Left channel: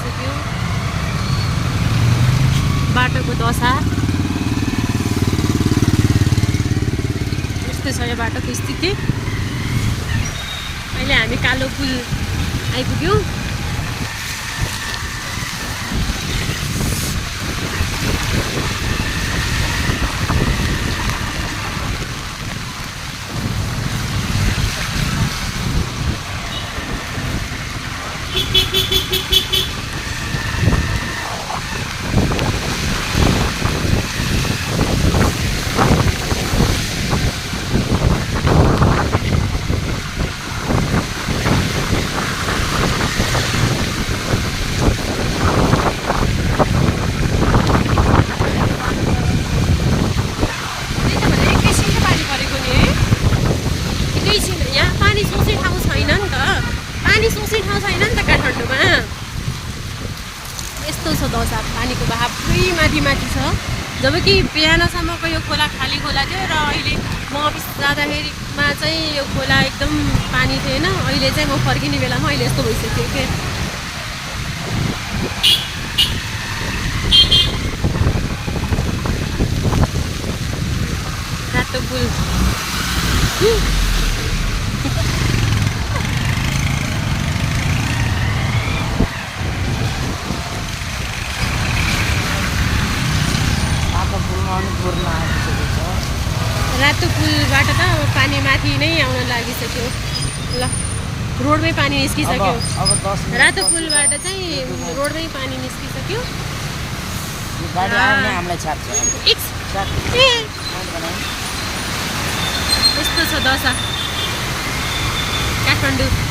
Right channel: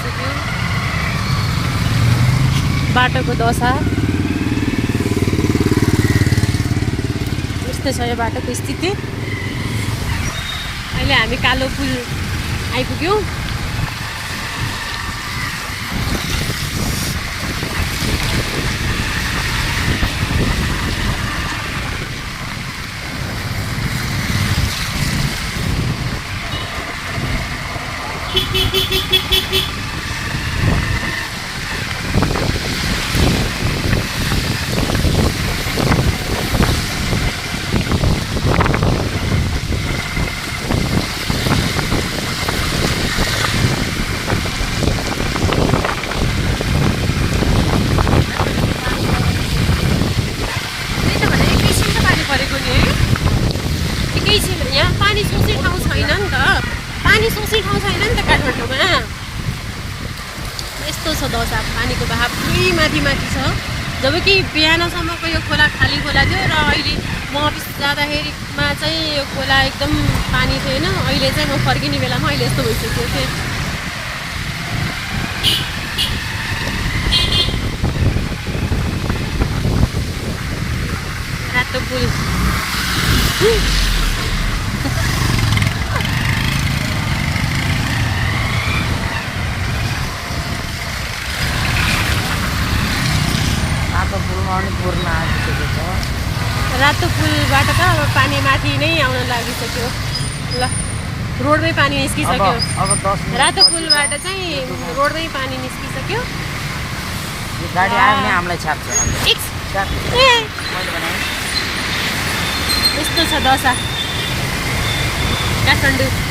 आइसक्यो। बाटोको दशा यस्तै छ यो बाटोको स्थिति। अहिले हामी कालो पुल आइपुग्यौँ। यहाँ पानी सोच्ने ठाउँ छैन नि त, पानी सोच्ने ठाउँ छैन नि त काठमाडौँमा। यस्तो छ दशा, पानीको बहाव पुरै माथि माथि छ। जबकि बिहानसम्मको यो खोला खाली खोला थियो र अहिले म अफिस जाँदाखेरिमा चाहिँ यो खोला एकदम पानी थिएन। अहिले चाहिँ म फर्किने बेलामा अहिले यस्तो भइसक्यो के। रातो पुल रातो पुलबाट त अब पानी माथि नै आउन लागिसक्यो। ल रोडमै पानी निस्किसक्यो। रातो पुलबाट चाहिँ रोडमै पानी निस्किसक्यो। गाडी आयो भने हामीलाई छाड्छ। यस्तो छ दशा काठमाडौँ।